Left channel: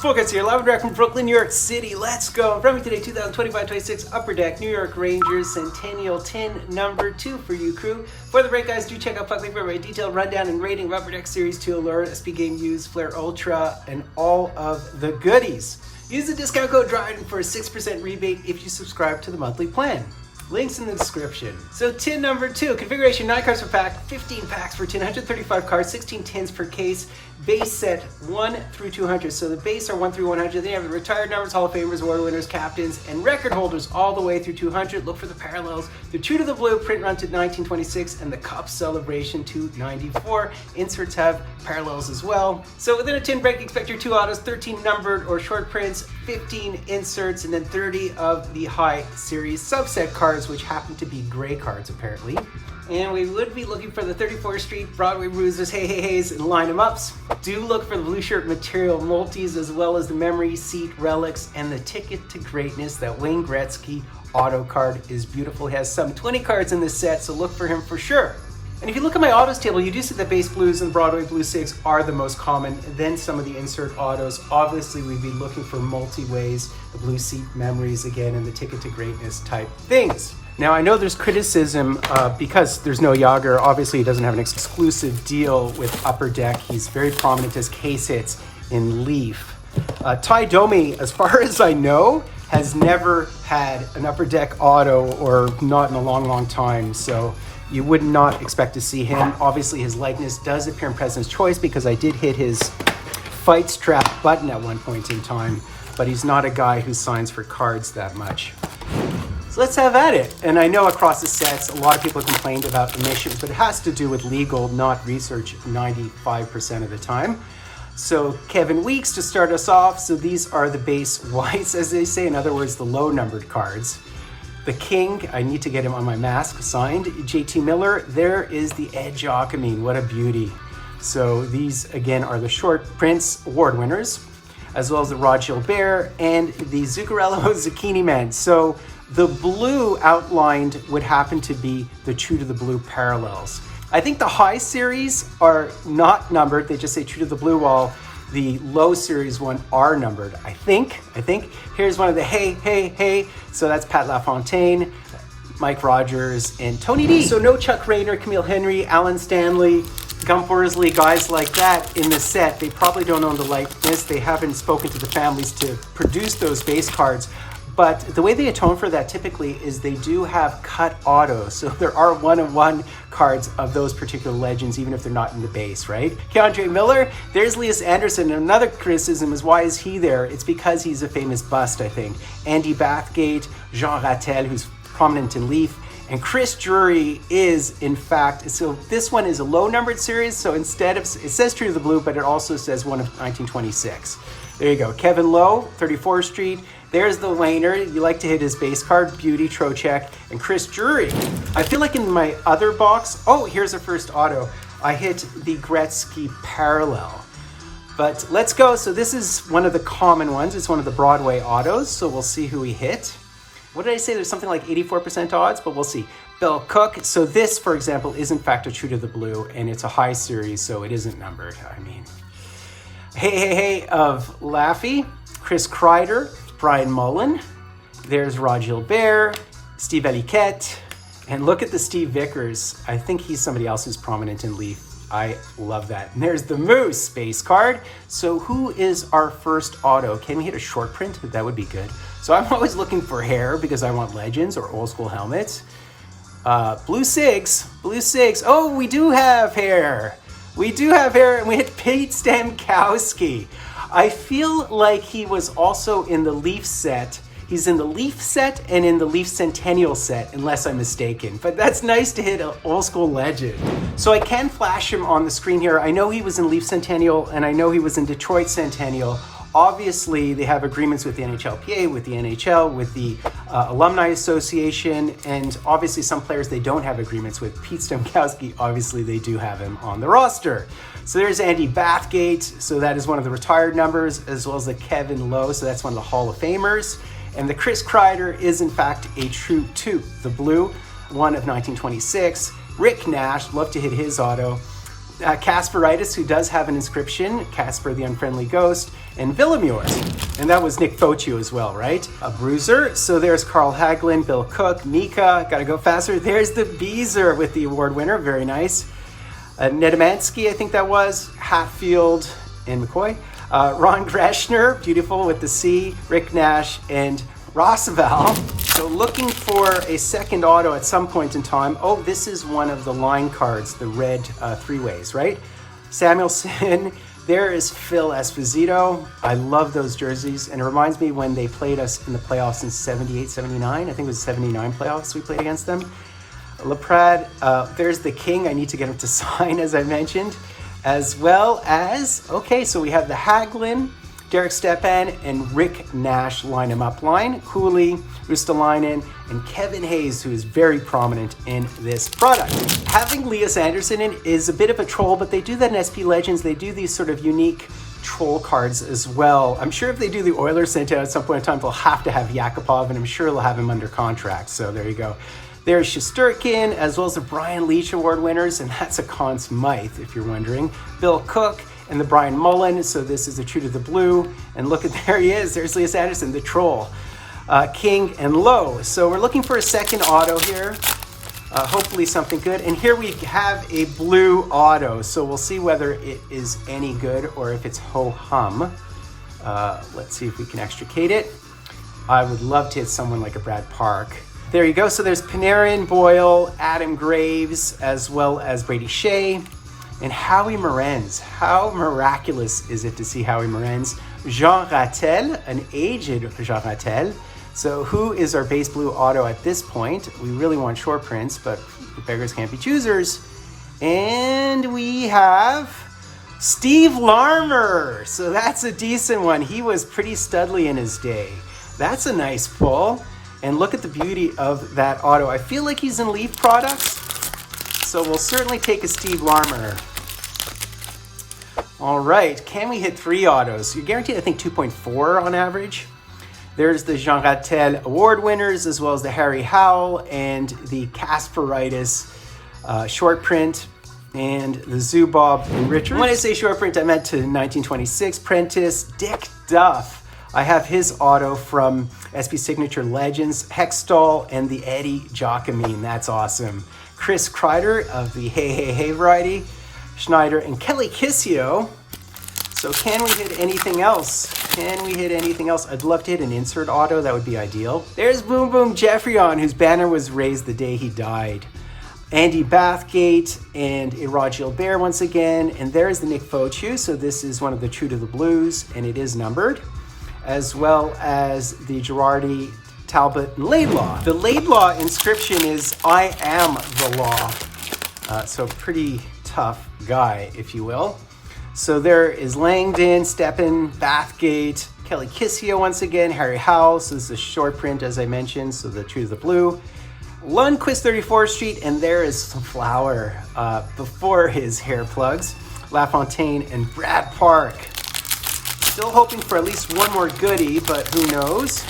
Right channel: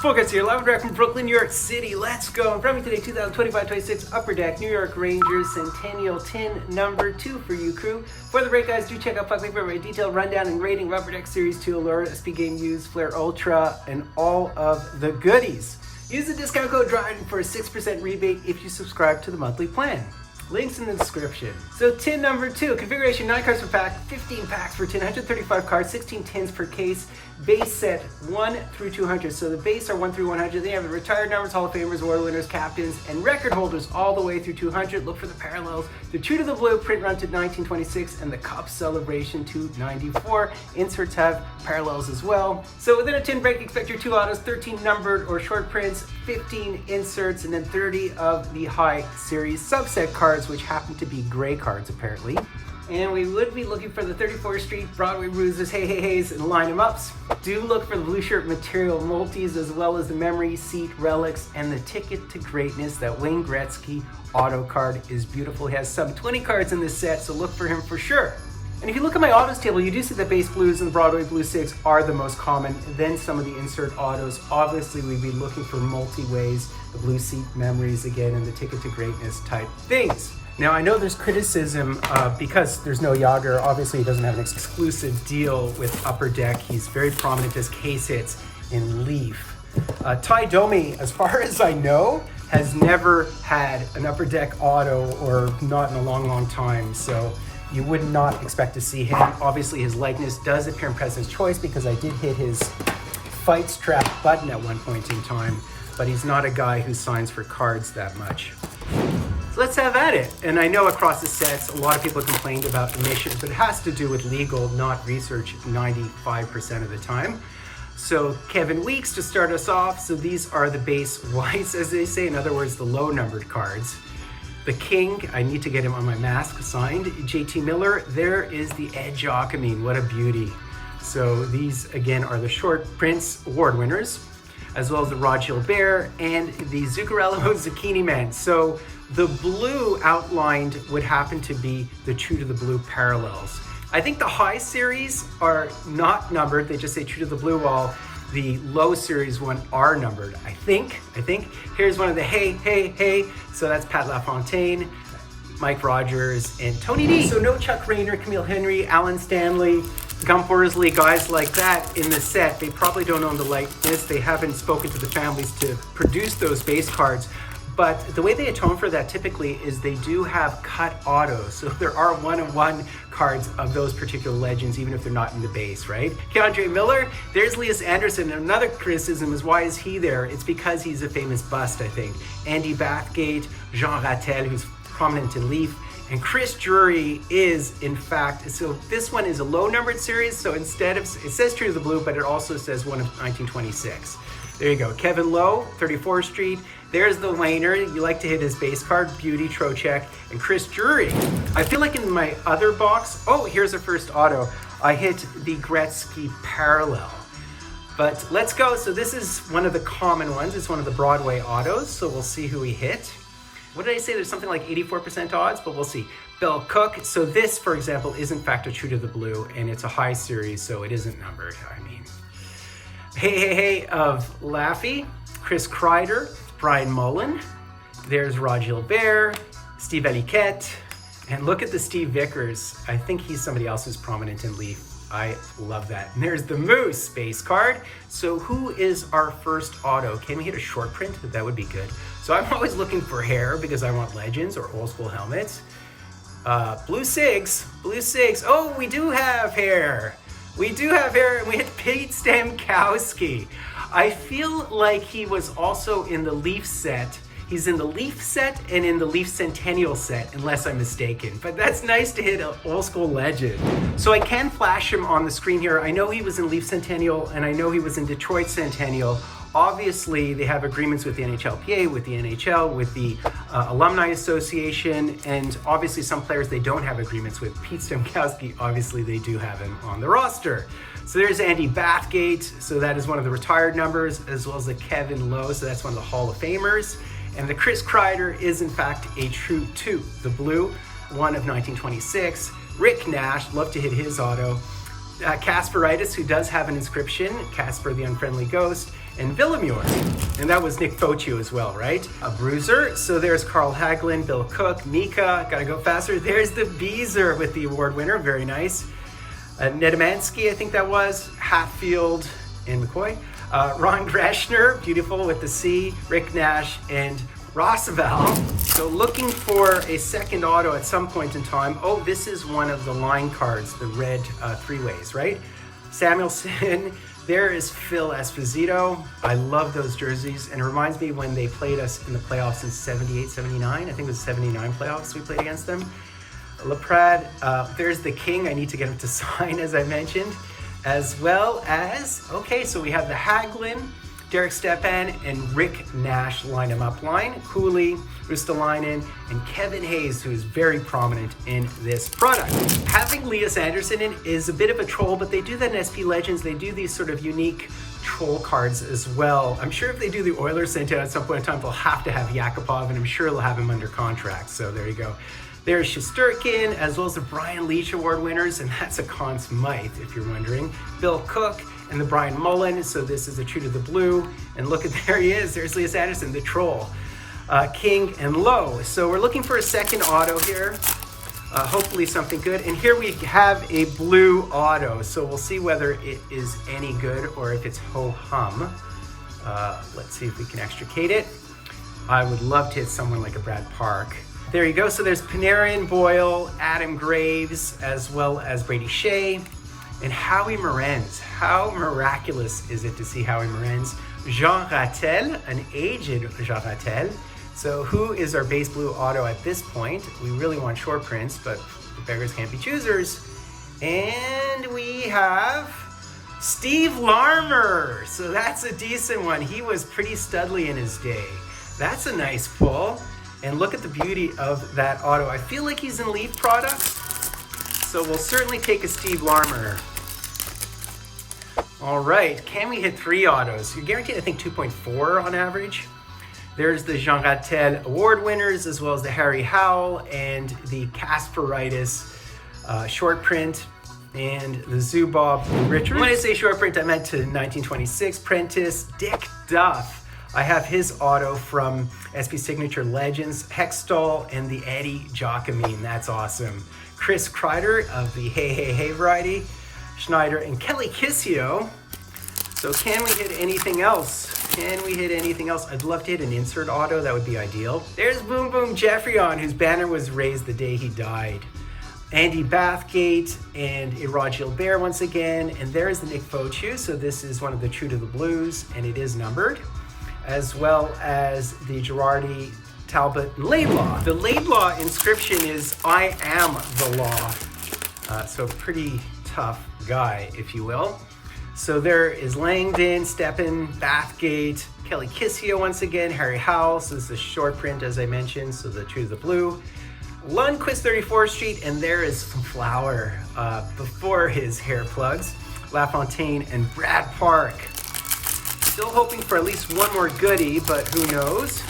Fultoncards here, live direct from Brooklyn, New York City. Let's go. In front of me today, 2025-26 Upper Deck New York Rangers Centennial tin number 2 for you, crew. For the break, guys, do check out Fuckley for a detailed rundown and rating of Upper Deck Series 2 Allure, SP Game Used, Flare Ultra, and all of the goodies. Use the discount code DRYDEN for a 6% rebate if you subscribe to the monthly plan. Links in the description. So tin number 2, configuration 9 cards per pack, 15 packs per tin, 135 cards, 16 tins per case, base set 1 through 200. So the base are 1 through 100. Then you have the retired numbers, Hall of Famers, award winners, captains, and record holders all the way through 200. Look for the parallels. The True to the Blue print run to 1926 and the Cup Celebration to 94. Inserts have parallels as well. So within a tin break, expect your 2 autos, 13 numbered or short prints, 15 inserts, and then 30 of the high series subset cards, which happen to be gray cards apparently. And we would be looking for the 34th Street, Broadway Bruisers, Hey Hey Heys, and Line 'em Ups. Do look for the blue shirt material multis, as well as the memory seat relics and the Ticket to Greatness. That Wayne Gretzky auto card is beautiful. He has some 20 cards in this set, so look for him for sure. And if you look at my autos table, you do see the base blues and the Broadway Blue 6 are the most common, then some of the insert autos. Obviously, we'd be looking for multi-ways, the blue seat memories again, and the Ticket to Greatness type things. Now, I know there's criticism because there's no Yager. Obviously, he doesn't have an exclusive deal with Upper Deck. He's very prominent as case hits in Leaf. Ty Domi, as far as I know, has never had an Upper Deck auto, or not in a long, long time. So you would not expect to see him. Obviously, his likeness does appear in President's Choice because I did hit his fight strap button at one point in time, but he's not a guy who signs for cards that much. So let's have at it. And I know across the sets, a lot of people complained about emissions, but it has to do with legal, not research 95% of the time. So Kevin Weeks to start us off. So these are the base whites, as they say. In other words, the low numbered cards. The King, I need to get him on my mask signed. JT Miller, there is the Edge Okamine. What a beauty. So these, again, are the short prints award winners, as well as the Rod Gilbert and the Zuccarello Zucchini Man. So the blue outlined would happen to be the True to the Blue parallels. I think the high series are not numbered. They just say True to the Blue, while the low series one are numbered. I think. Here's one of the Hey, Hey, Hey. So that's Pat LaFontaine, Mike Rogers, and Tony D. So no Chuck Rayner, Camille Henry, Alan Stanley, Gump Worsley, guys like that in the set. They probably don't own the likeness. They haven't spoken to the families to produce those base cards. But the way they atone for that typically is they do have cut autos. So there are 1-of-1 cards of those particular legends, even if they're not in the base, right? Keandre Miller, there's Lias Anderson. And another criticism is, why is he there? It's because he's a famous bust, I think. Andy Bathgate, Jean Rattel, who's prominent in Leaf, and Chris Drury is, in fact, so this one is a low numbered series. So instead of, it says True to the Blue, but it also says one of 1926. There you go. Kevin Lowe, 34th Street. There's the Wayner. You like to hit his base card, Beauty, Trocheck, and Chris Drury. I feel like in my other box, oh, here's the first auto. I hit the Gretzky parallel. But let's go. So this is one of the common ones. It's one of the Broadway autos. So we'll see who we hit. What did I say? There's something like 84% odds, but we'll see. Bill Cook. So this, for example, is in fact a True to the Blue, and it's a high series, so it isn't numbered. I mean, Hey, Hey, Hey of Laffy, Chris Kreider, Brian Mullen, there's Rod Gilbert, Steve Eliquette, and look at the Steve Vickers. I think he's somebody else who's prominent in Leaf. I love that. And there's the Moose base card. So who is our first auto? Can we hit a short print? That would be good. So I'm always looking for hair because I want legends or old school helmets. Blue Sigs. Oh, we do have hair. And we hit Pete Stamkowski. I feel like he was also in the Leaf set. He's in the Leaf set and in the Leaf Centennial set, unless I'm mistaken. But that's nice to hit an old school legend. So I can flash him on the screen here. I know he was in Leaf Centennial, and I know he was in Detroit Centennial. Obviously, they have agreements with the NHLPA, with the NHL, with the Alumni Association, and obviously some players they don't have agreements with. Pete Stamkowski, obviously they do have him on the roster. So there's Andy Bathgate, so that is one of the retired numbers, as well as the Kevin Lowe, so that's one of the Hall of Famers. And the Chris Kreider is in fact a True to the Blue, one of 1926. Rick Nash, love to hit his auto. Casperitis, who does have an inscription, Casper the Unfriendly Ghost, and Villemure. And that was Nick Fotiu as well, right? A bruiser. So there's Carl Hagelin, Bill Cook, Mika, gotta go faster. There's the Beezer with the award winner, very nice. Nedomansky, I think that was, Hatfield and McCoy. Ron Greshner, beautiful with the C, Rick Nash, and Roosevelt. So looking for a second auto at some point in time. Oh, this is one of the line cards, the red three-ways, right? Samuelson, there is Phil Esposito. I love those jerseys, and it reminds me when they played us in the playoffs in 78, 79. I think it was 79 playoffs we played against them. LaPrade, there's the King. I need to get him to sign, as I mentioned. As well as, okay, so we have the Hagelin, Derek Stepan, and Rick Nash line him up line. Cooley, Ristolainen, and Kevin Hayes, who is very prominent in this product. Having Lias Andersson in is a bit of a troll, but they do that in SP Legends. They do these sort of unique troll cards as well. I'm sure if they do the Oilers sent out at some point in time, they'll have to have Yakupov, and I'm sure they'll have him under contract. So there you go. There's Shesterkin, as well as the Brian Leach Award winners, and that's a Conn Smythe, if you're wondering. Bill Cook and the Brian Mullen, so this is a True to the Blue. And look at, there he is, there's Lias Andersson, the troll. King and Lowe. So we're looking for a second auto here. Hopefully something good. And here we have a blue auto, so we'll see whether it is any good or if it's ho-hum. Let's see if we can extricate it. I would love to hit someone like a Brad Park. There you go. So there's Panarin, Boyle, Adam Graves, as well as Brady Shea, and Howie Morenz. How miraculous is it to see Howie Morenz? Jean Rattel, an aged Jean Rattel. So who is our base blue auto at this point? We really want short prints, but beggars can't be choosers. And we have Steve Larmer. So that's a decent one. He was pretty studly in his day. That's a nice pull. And look at the beauty of that auto. I feel like he's in Leaf products, so we'll certainly take a Steve Larmer. All right, can we hit 3 autos? You're guaranteed, I think, 2.4 on average. There's the Jean Rattel award winners, as well as the Harry Howell and the Kasperitis short print, and the Zubov Richards. When I say short print, I meant to 1926 Prentice, Dick Duff. I have his auto from SP Signature Legends, Hextall, and the Eddie Giacomine. That's awesome. Chris Kreider of the Hey Hey Hey variety, Schneider, and Kelly Kissio. So can we hit anything else? Can we hit anything else? I'd love to hit an insert auto. That would be ideal. There's Boom Boom Jeffrion, whose banner was raised the day he died. Andy Bathgate and Erod Gilbert once again. And there's the Nick Fotiu. So this is one of the True to the Blues, and it is numbered, as well as the Girardi, Talbot, and Laidlaw. The Laidlaw inscription is "I am the law." So pretty tough guy, if you will. So there is Langdon, Steppen, Bathgate, Kelly Kissio once again, Harry Howell. So this is a short print, as I mentioned, so the True to the Blue. Lundqvist, 34th Street, and there is Flower before his hair plugs. LaFontaine and Brad Park. Still hoping for at least one more goodie, but who knows?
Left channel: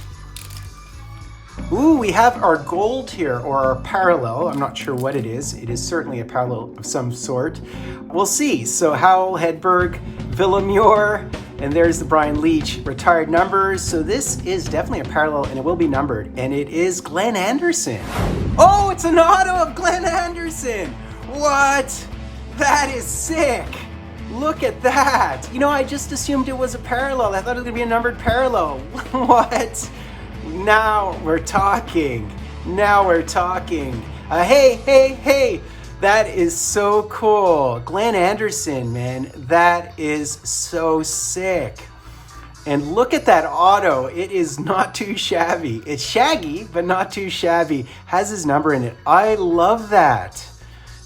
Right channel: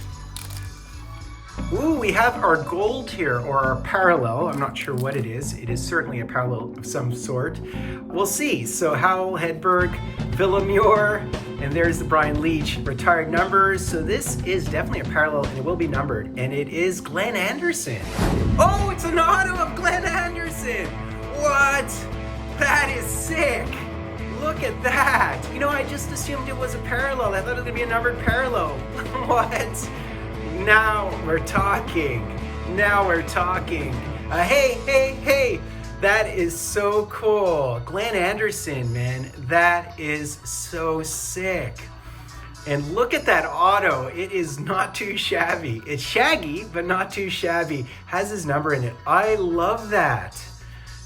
Ooh, we have our gold here, or our parallel. I'm not sure what it is. It is certainly a parallel of some sort. We'll see. So Howell, Hedberg, Villemure, and there's the Brian Leach retired numbers. So this is definitely a parallel, and it will be numbered. And it is Glenn Anderson. Oh, it's an auto of Glenn Anderson. What? That is sick. Look at that. You know, I just assumed it was a parallel. I thought it was gonna be a numbered parallel. What? Now we're talking. Now we're talking. Hey. That is so cool. Glenn Anderson, man. That is so sick. And look at that auto. It is not too shabby. It's shaggy, but not too shabby. Has his number in it. I love that.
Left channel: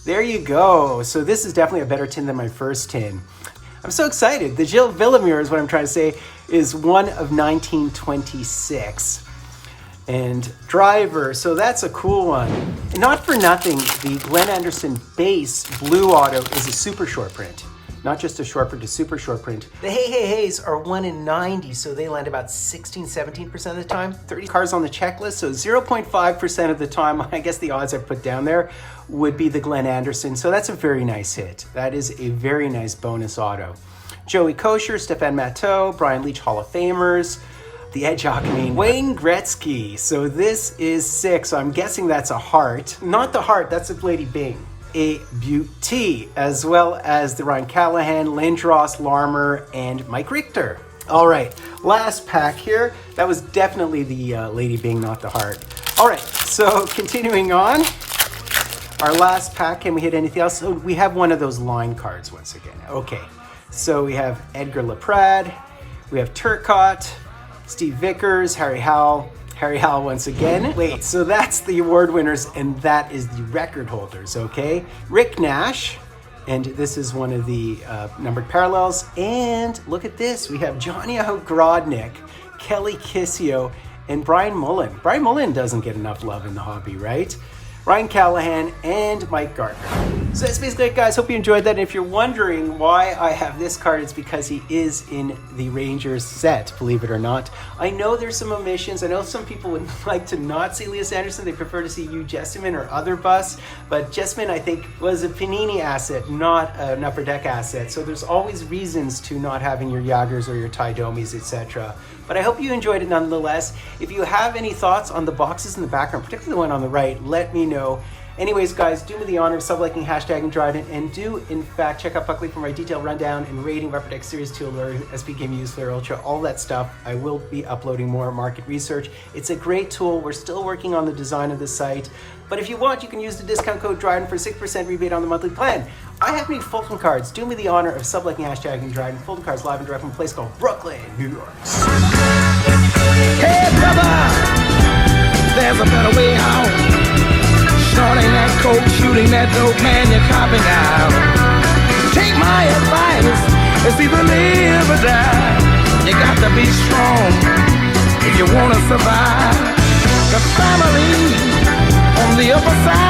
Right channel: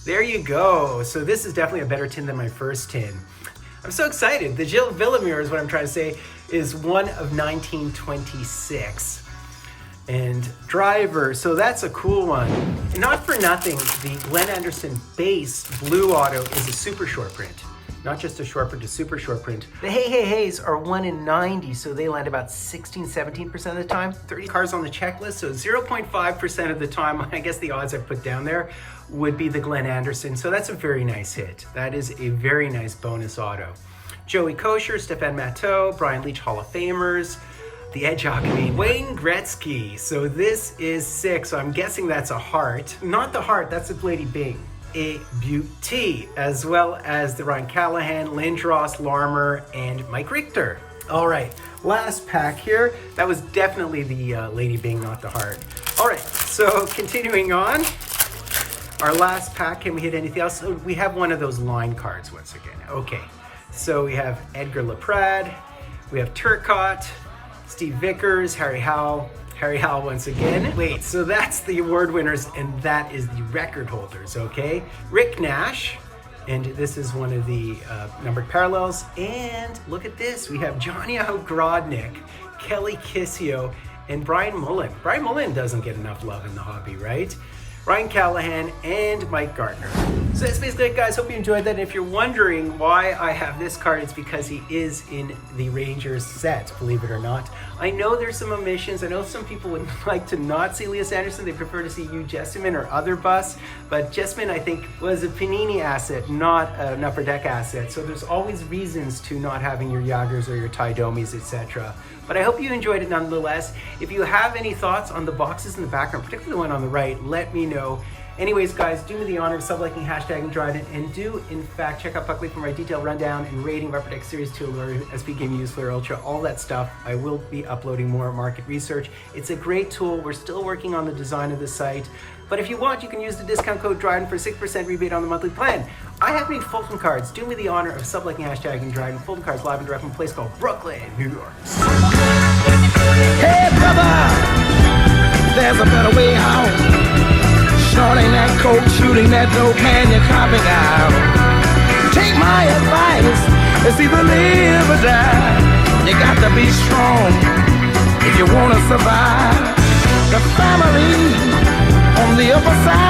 There you go. So this is definitely a better tin than my first tin. I'm so excited. The Jill Villemure is what I'm trying to say, is one of 1926. And Driver, so that's a cool one. And not for nothing, the Glenn Anderson base blue auto is a super short print. Not just a short print, a super short print. The Hey Heys are 1 in 90, so they land about 16-17% of the time. 30 cars on the checklist, so 0.5% of the time, I guess the odds I've put down there would be the Glenn Anderson. So that's a very nice hit. That is a very nice bonus auto. Joey Kosher, Stefan Matteau, Brian Leach, Hall of Famers, the Edge Hockey, Wayne Gretzky. So this is 6, so I'm guessing that's a heart. Not the heart, that's a Lady Bing. A beauty, as well as the Ryan Callahan, Lindros, Larmer, and Mike Richter. All right, last pack here. That was definitely the Lady Bing, not the heart. All right, so continuing on. Our last pack, can we hit anything else? So we have one of those line cards once again. Okay, so we have Edgar Laprade, we have Turcotte, Steve Vickers, Harry Howell once again. Wait, so that's the award winners and that is the record holders, okay? Rick Nash, and this is one of the numbered parallels. And look at this, we have Johnny Ogrodnik, Kelly Kissio, and Brian Mullen. Brian Mullen doesn't get enough love in the hobby, right? Ryan Callahan, and Mike Gardner. So that's basically it, guys. Hope you enjoyed that. And if you're wondering why I have this card, it's because he is in the Rangers set, believe it or not. I know there's some omissions. I know some people would like to not see Elias Anderson. They prefer to see Hugh Jesseman or other busts. But Jesseman, I think, was a Panini asset, not an Upper Deck asset. So there's always reasons to not having your Yagers or your Ty Domis, etc. But I hope you enjoyed it nonetheless. If you have any thoughts on the boxes in the background, particularly the one on the right, let me know. Anyways, guys, do me the honor of subliking, hashtagging, Dryden, and do, in fact, check out Puckley for my detailed rundown and rating of Upper Deck Series 2 Allure, SP Game Use, Flare Ultra, all that stuff. I will be uploading more market research. It's a great tool. We're still working on the design of the site. But if you want, you can use the discount code Dryden for 6% rebate on the monthly plan. I have made Fultoncards. Do me the honor of subliking, hashtagging, Dryden. Fultoncards live and direct from a place called Brooklyn, New York. Hey brother, there's a better way out. Snorting that coke, shooting that dope, man, you're copping out. Take my advice, it's either live or die. You got to be strong if you want to survive. The family on the upper side